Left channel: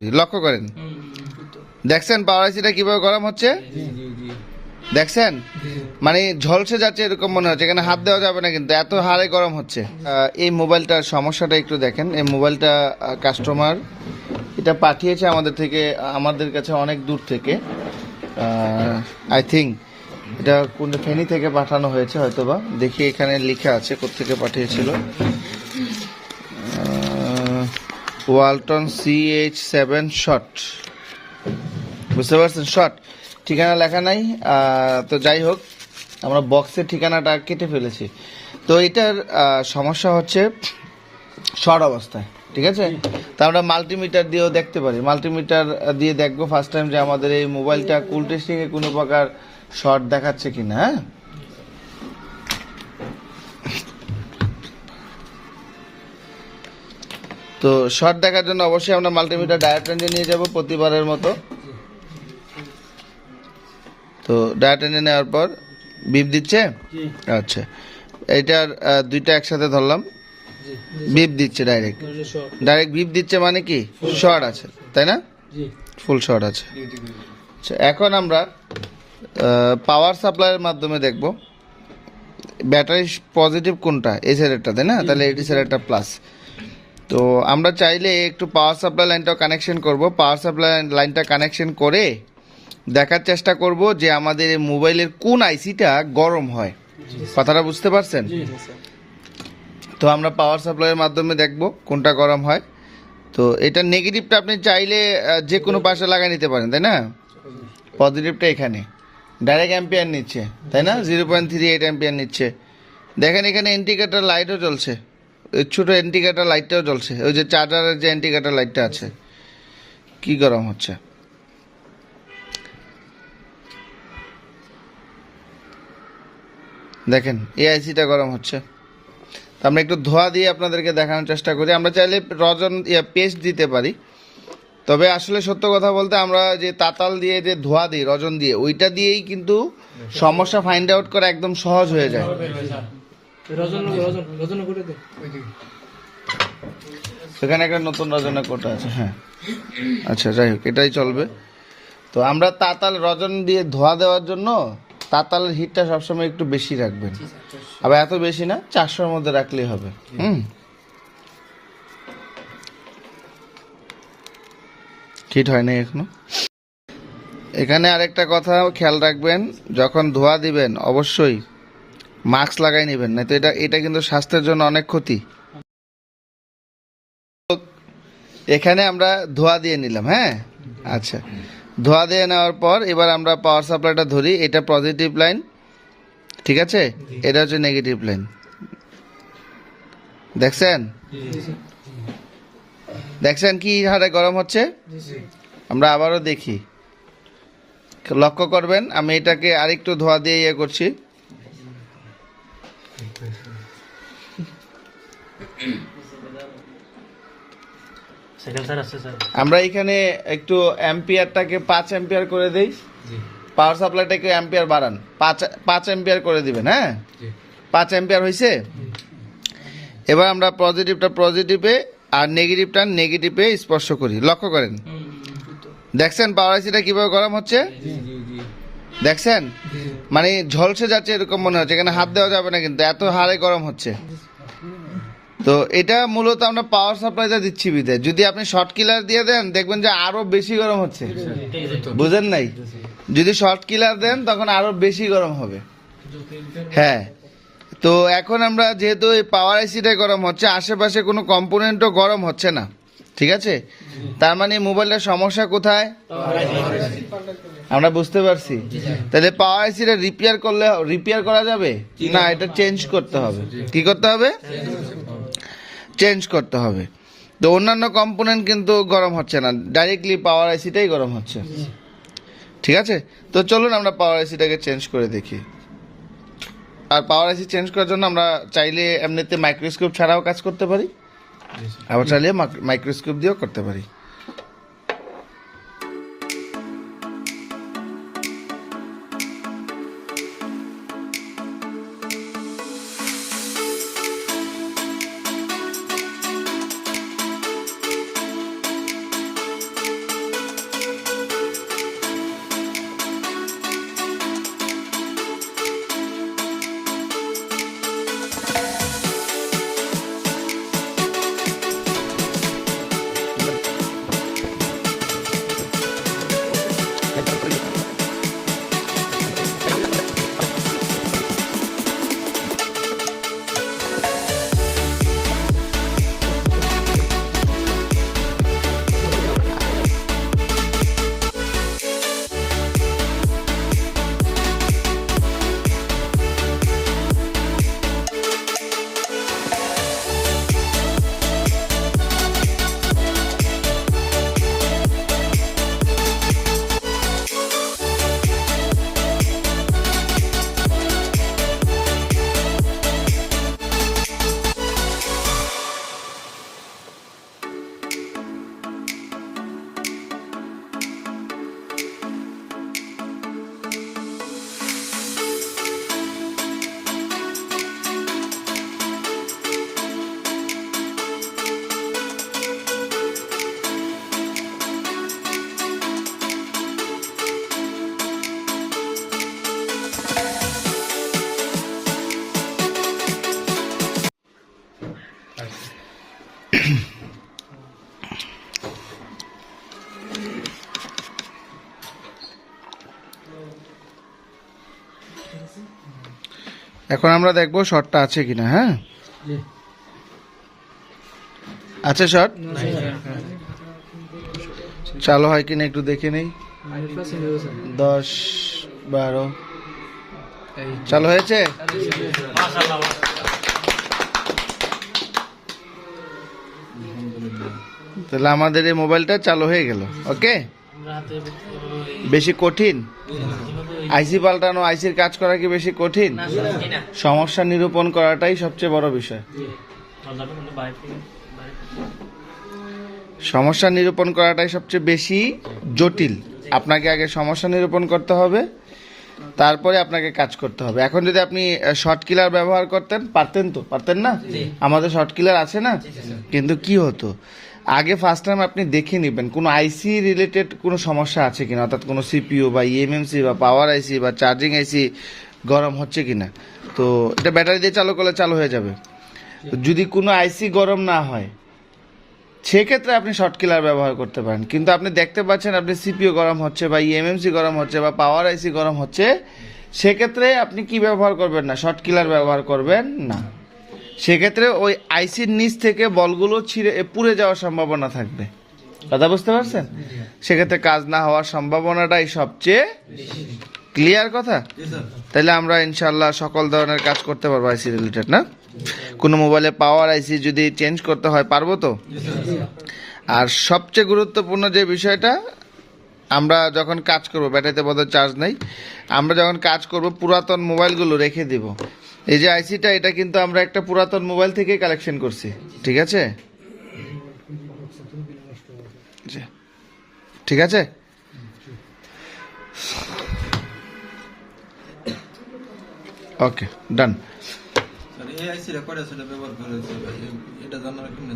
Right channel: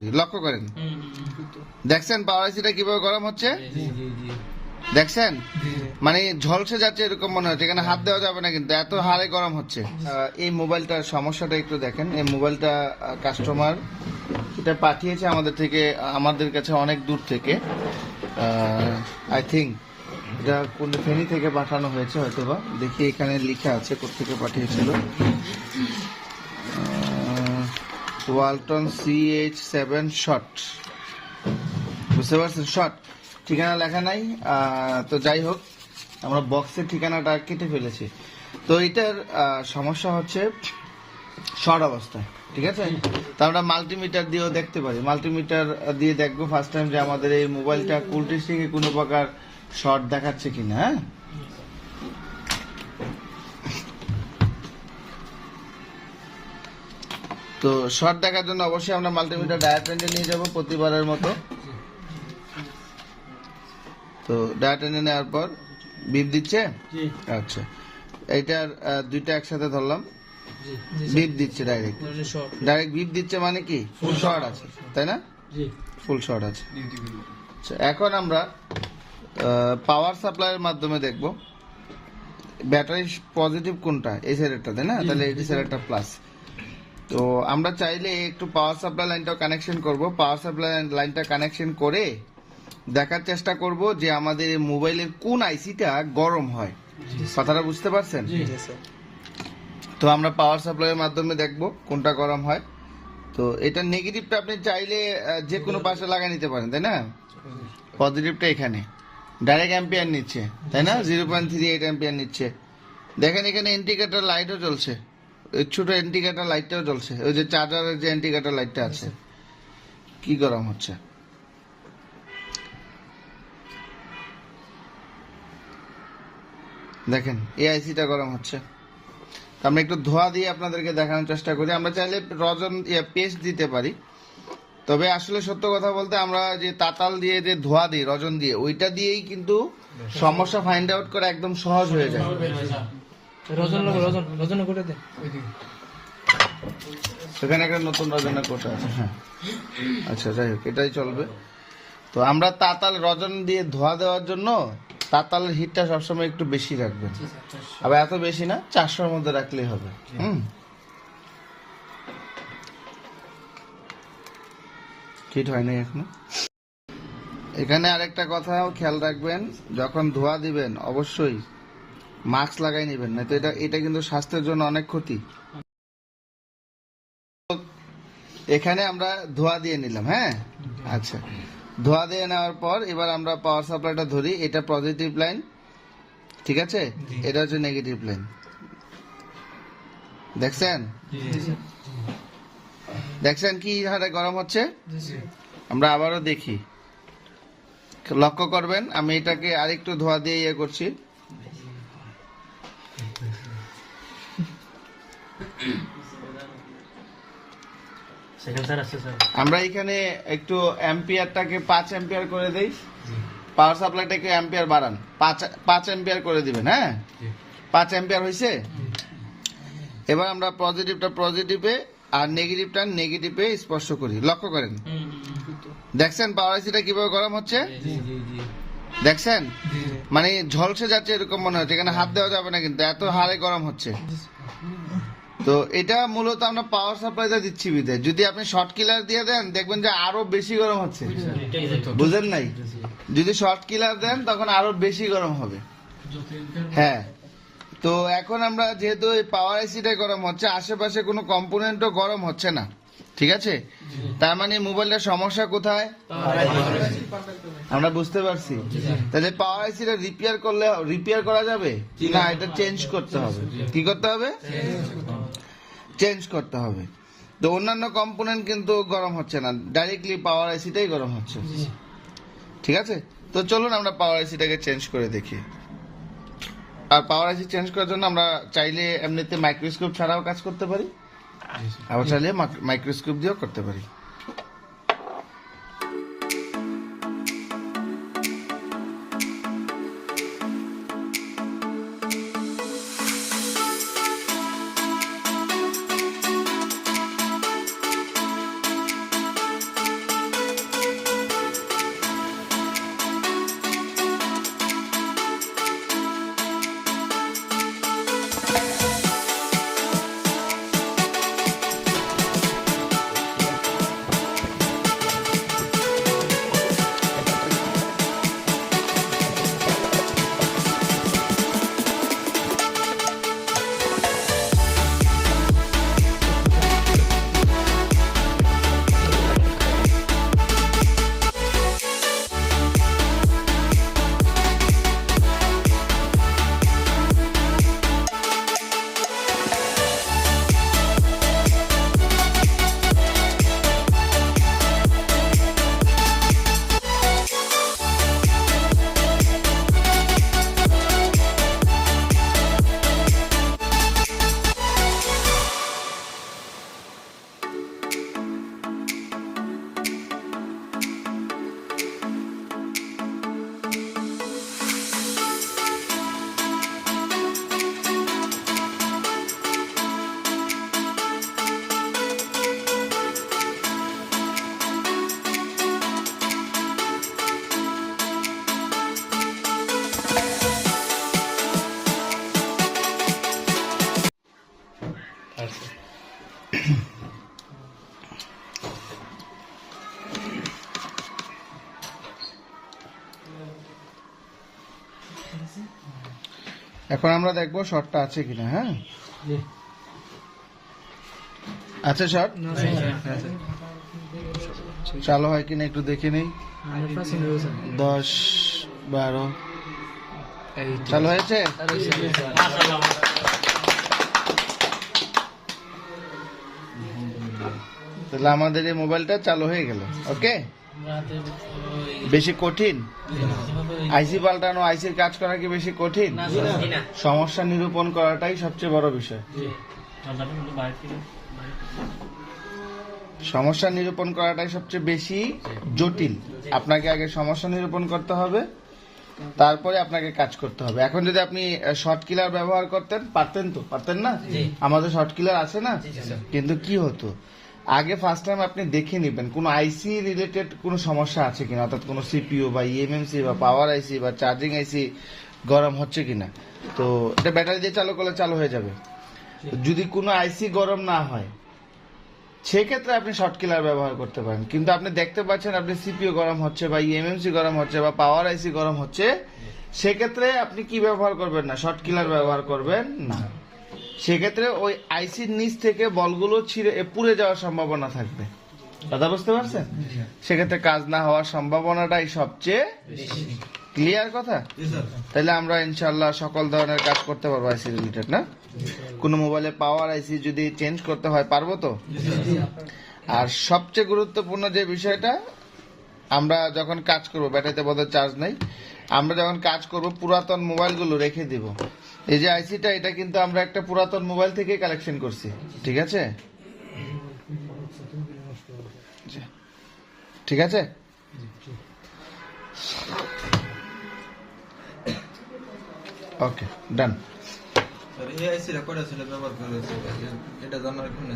লক্ষ্য করেন, দেখছেন পাওয়ার আইসিটা কিভাবে গরম হচ্ছে, দেখছেন মানে ঝলসে যাচ্ছে এরকম মনে হচ্ছে, এখানে হাত দেওয়া যাবে না কিন্তু এত হারে গরম হচ্ছে। এই মোবাইলটার সমস্যাটা একটু দেখেন। এই মোবাইলটা কাস্টমার এটা পাঠিয়েছে আমাদের কাছে অনেক দূর থেকে। আই থিঙ্ক এটা কোন ফেনী থেকে পাঠানো হয়েছে হয়তোবা, দেখি এখানে লেখা আছে কোত্থেকে পাঠিয়েছিল। ওয়ালটন CH7 শর্ট, বুঝতে পারছেন, শর্ট, ঠিকানা লেখা নাই। তো যাই হোক, আমরা বক্সের ঠিকানাটা কেটে ফেলেছি। তো এটার সমস্যা হচ্ছে শর্ট অবস্থায়, ঠিক আছে। তা আমরা মাল্টিমিটার দিয়েও দেখতে পারি, মাল্টিমিটার দিয়ে দেখবো ফার্স্ট টাইম যে আমাদের এই মোবাইলটা কুল টেস্টিং এ কোনো প্রকার শর্ট দেখাচ্ছে কিনা। হ্যাঁ, তো শর্ট দেখার জন্য অবশ্যই আমরা মাল্টিমিটার ডায়ারেক্ট রেঞ্জে নিয়ে যাব প্রতিবারের মতো। তো ডায়ারেক্ট রেঞ্জে নেওয়ার পর বিপ দিচ্ছে, আচ্ছা এইটার দুইটা একসাথে ধরলাম, বিপ দিচ্ছে, ডাইরেক্ট বিপ দিচ্ছে, মানে কি ফুল শর্ট আছে, তাই না, ফুল শর্ট আছে। আচ্ছা, এখন আমরা পাওয়ার সাপ্লাইয়ের মাধ্যমে দেখব ব্যাটারি পজিটিভ কোনটা, এই সাইডেরটা, তাই না, তাহলে এটি সাইডেরটা প্লাস। তো আমরা চাইলে একটু পাওয়ার সাপ্লাই লাইনটাও কানেকশন করব, পাওয়ার সাপ্লাই লাইনটা কানেকশন করে দেখার চেষ্টা করব যে আমাদের এই মোবাইলের কোন আইসিটা গরম হয়, কথাটা বুঝতে পারছেন। তো আমরা পাওয়ার সাপ্লাইয়ের মাধ্যমে দেখব কোনটা গরম হয়। তো এটা নেগেটিভটা আপনি চাইলে যে কোনো পাশে লাগিয়ে নিতে পারেন, তাই না, পজিটিভটা এখানে ডাইরেক্ট অ্যাম্পিয়ার নিচ্ছে, তাই না, 0.38 অ্যাম্পিয়ার নিচ্ছে। দেখেন এখানে ইন্ডিকেটর লাইটও জ্বলছে, ছোট ইন্ডিকেটর লাইটটাও জ্বলছে, ওই যে চার্জারের যে ইন্ডিকেটর লাইটটা আছে। কি গরম হচ্ছে দেখেন, এই আইসিটা গরম হচ্ছে। আমরা একটু ধোয়া দিয়ে আপনাদেরকে দেখানোর চেষ্টা করি। আমরা চাইলে রজন পেস্ট দিতে পারি, তবে আসলে সত্য কথা বলতে আমরা যে তাতাল দিয়ে যে ধোয়া দিই রজন দিয়ে, ওইটা দিয়েই কিন্তু সমস্যা ফাইন্ড আউট করা একদম সহজ হয়ে যায়। সেখানে একটা নতুন রজনের কোটা আছে, হ্যাঁ, আচ্ছা যাই হোক, এটাই চলবে। তো আমরা তাতাল রজন দিয়ে ধোয়া দেওয়ার জন্য তাতালের হিটটা সবসময় একটু বেশি রাখবেন, আবার এত বেশি না, 400-এর মধ্যে রাখলেই হবে। হিট হয় নাই এখনো। এখানে আরেকটা কথা খেয়াল রাখবেন, যখন ধোয়া দিবেন অবশ্যই মাস্ক লাগাই নেবেন, না তো এটা কিন্তু স্বাস্থ্যের জন্য অনেক ক্ষতি। এখানে আমরা ধোয়া দিয়ে নিলাম, হ্যাঁ, আচ্ছা, ধোয়া দিয়ে নেওয়ার পর এবার আমরা পাওয়ার সাপ্লাইটা ধরি, এটা পজিটিভ লাইন, ঠিক আছে, এটা হচ্ছে নেগেটিভ লাইন, দেখছেন কি হারে গরম হচ্ছে। আমরা আবারও দেখি, লক্ষ্য করবেন, আমি এটাকে আরেকটু ধোয়া দিয়ে ইয়ে করছি। আমরা এখানে একটু অ্যাম্পিয়ারটাকে 5 অ্যাম্পিয়ার করে দেই, পাওয়ার সাপ্লাইটাকে অ্যাম্পিয়ার বাড়ান, 5 অ্যাম্পিয়ার করে দিবেন। হ্যাঁ, 5 অ্যাম্পিয়ার হয়েছে। এবার আমরা পজিটিভটা পজিটিভে আর নেগেটিভটা নেগেটিভে স্পর্শ করি, লক্ষ্য করেন, দেখছেন পাওয়ার আইসিটা কিভাবে গরম হচ্ছে, দেখছেন মানে ঝলসে যাচ্ছে এরকম মনে হচ্ছে, এখানে হাত দেওয়া যাবে না কিন্তু এত হারে গরম হচ্ছে। তো এটা মূলত আমরা পাওয়ার সাপ্লাইটা দিচ্ছি বিধায়, যদি আপনি শর্ট কিলার দিয়ে দেন দেখবেন যে আরো বেশি গরম হচ্ছে, বুঝেন নাই, যদি শর্ট কিলার দেন তখন আরো বেশি গরম হবে। হ্যাঁ, তো এখন আমরা যেহেতু এই পাওয়ার আইসিটা গরম হচ্ছে, আশেপাশে কোনো কম্পোনেন্টও গরম হচ্ছে না, ঠিক আছে, তার মানে মোবাইলটার সমস্যা কোথায় আমরা বুঝতে পারছি। তাহলে পাওয়ার আইসিটা রিপেয়ার করা যাবে না, এটা চেঞ্জ করতে হবে। কি করতে হবে? চেঞ্জ করতে হবে। তো অন্যান্য কম্পোনেন্ট কিন্তু গরম হচ্ছে না, ডাইরেক্টলি পাওয়ার আইসিটাই গরম হচ্ছে, ঠিক আছে। তো চলুন আমরা পাওয়ার আইসিটাকে চেঞ্জ করে দেখি। আর পাওয়ার আইসি চেঞ্জ করার জন্য আমরা চাইলে এমনিতে মাইক্রোস্কোপ ছাড়াও কাজ করতে পারি, আবার চাইলে মাইক্রোস্কোপ দিয়েও করতে পারি। এখন আমরা দেখবো শর্টটা আছে কিনা। হ্যাঁ, আছে শর্ট, চালু হয় কিনা একটু দেখে নেই। 10, 12 চালু হয়েছে। তাহলে আমাদের এই মোবাইলটা চালু হয়ে গেল। ওকে, বেশি কঠিন আইসি পাল্টানো, আইসির কাজ করা কি বেশি কঠিন? সমস্যা নিরূপণ করাটাই সবচেয়ে বড় বিষয়। সমস্যা নিরূপণ করাটাই সবচেয়ে বেশি জটিল। আপনাকে আগে সমস্যা নিরূপণ করতে হবে, তারপরে আপনাকে কাজ করতে হবে। এখন যদি আপনি শর্ট কিলার ব্যবহার করতেন, পারতেন তো? পারতেন না? আমাদের শর্ট কিলার আছে না? কিন্তু কি হতো, আগে ফার্স্ট টাইম আপনি দেখে নেবেন কোনো আইসি রিলেটেড কোনো সমস্যা আছে কিনা, অর্থাৎ কোনো সিপিইউ বা ইএমএমসি বা পাওয়ার আইসি বা চার্জিং আইসি গরম হচ্ছে কিনা। তো এটা ব্যাটারি দিয়ে চালু করলে চালু হয়ে যাবে। যদি কোনো আইসি গরম না হয় সেক্ষেত্রে আপনি শর্ট কিলার ব্যবহার করতে পারেন। কিন্তু আপনি দেখতে পাচ্ছেন আপনি সিপিইউ গরম হচ্ছে বা ইএমএমসি গরম হচ্ছে বা পাওয়ার আইসি গরম হচ্ছে, সেক্ষেত্রে আপনি কি ব্যবহার করবেন না? শর্ট কিলার ব্যবহার করবেন না। সেক্ষেত্রে ওই আইসির নিচ থেকে বলগুলো ছিঁড়ে পুড়ে যাওয়ার সম্ভাবনা থাকবে। কথা বুঝতে পারছেন? সেক্ষেত্রে কাজ না হওয়ার সম্ভাবনাটাই সবচেয়ে ক্লিয়ার কথা। তাহলে আমরা ইনশাল্লাহ সকল ধরনের কাজ করতে পারবো আইসি রিলেটেড। না, কোনো মোবাইলে পাওয়ার আইসি যদি চেঞ্জ করতে হয় পারবো তো। আর সবচেয়ে গুরুত্বপূর্ণ যে বিষয়টা, আমরা যখন কাজ করব, ব্যাটারিতে বোধহয় চার্জ নেই, আমরা যখন কাজ করব পুরাতন মোবাইলগুলো রেখে দিব। এই যে আইসিটা, এটা কিন্তু আমরা একটা পুরাতন মোবাইল থেকে কালেকশন করছি, ঠিক আছে? ঠিক আছে, ওকে, ডান। এই আইসি রেকর্ড আছে ব্যবহার করা হয়েছে, এটা জানার কোন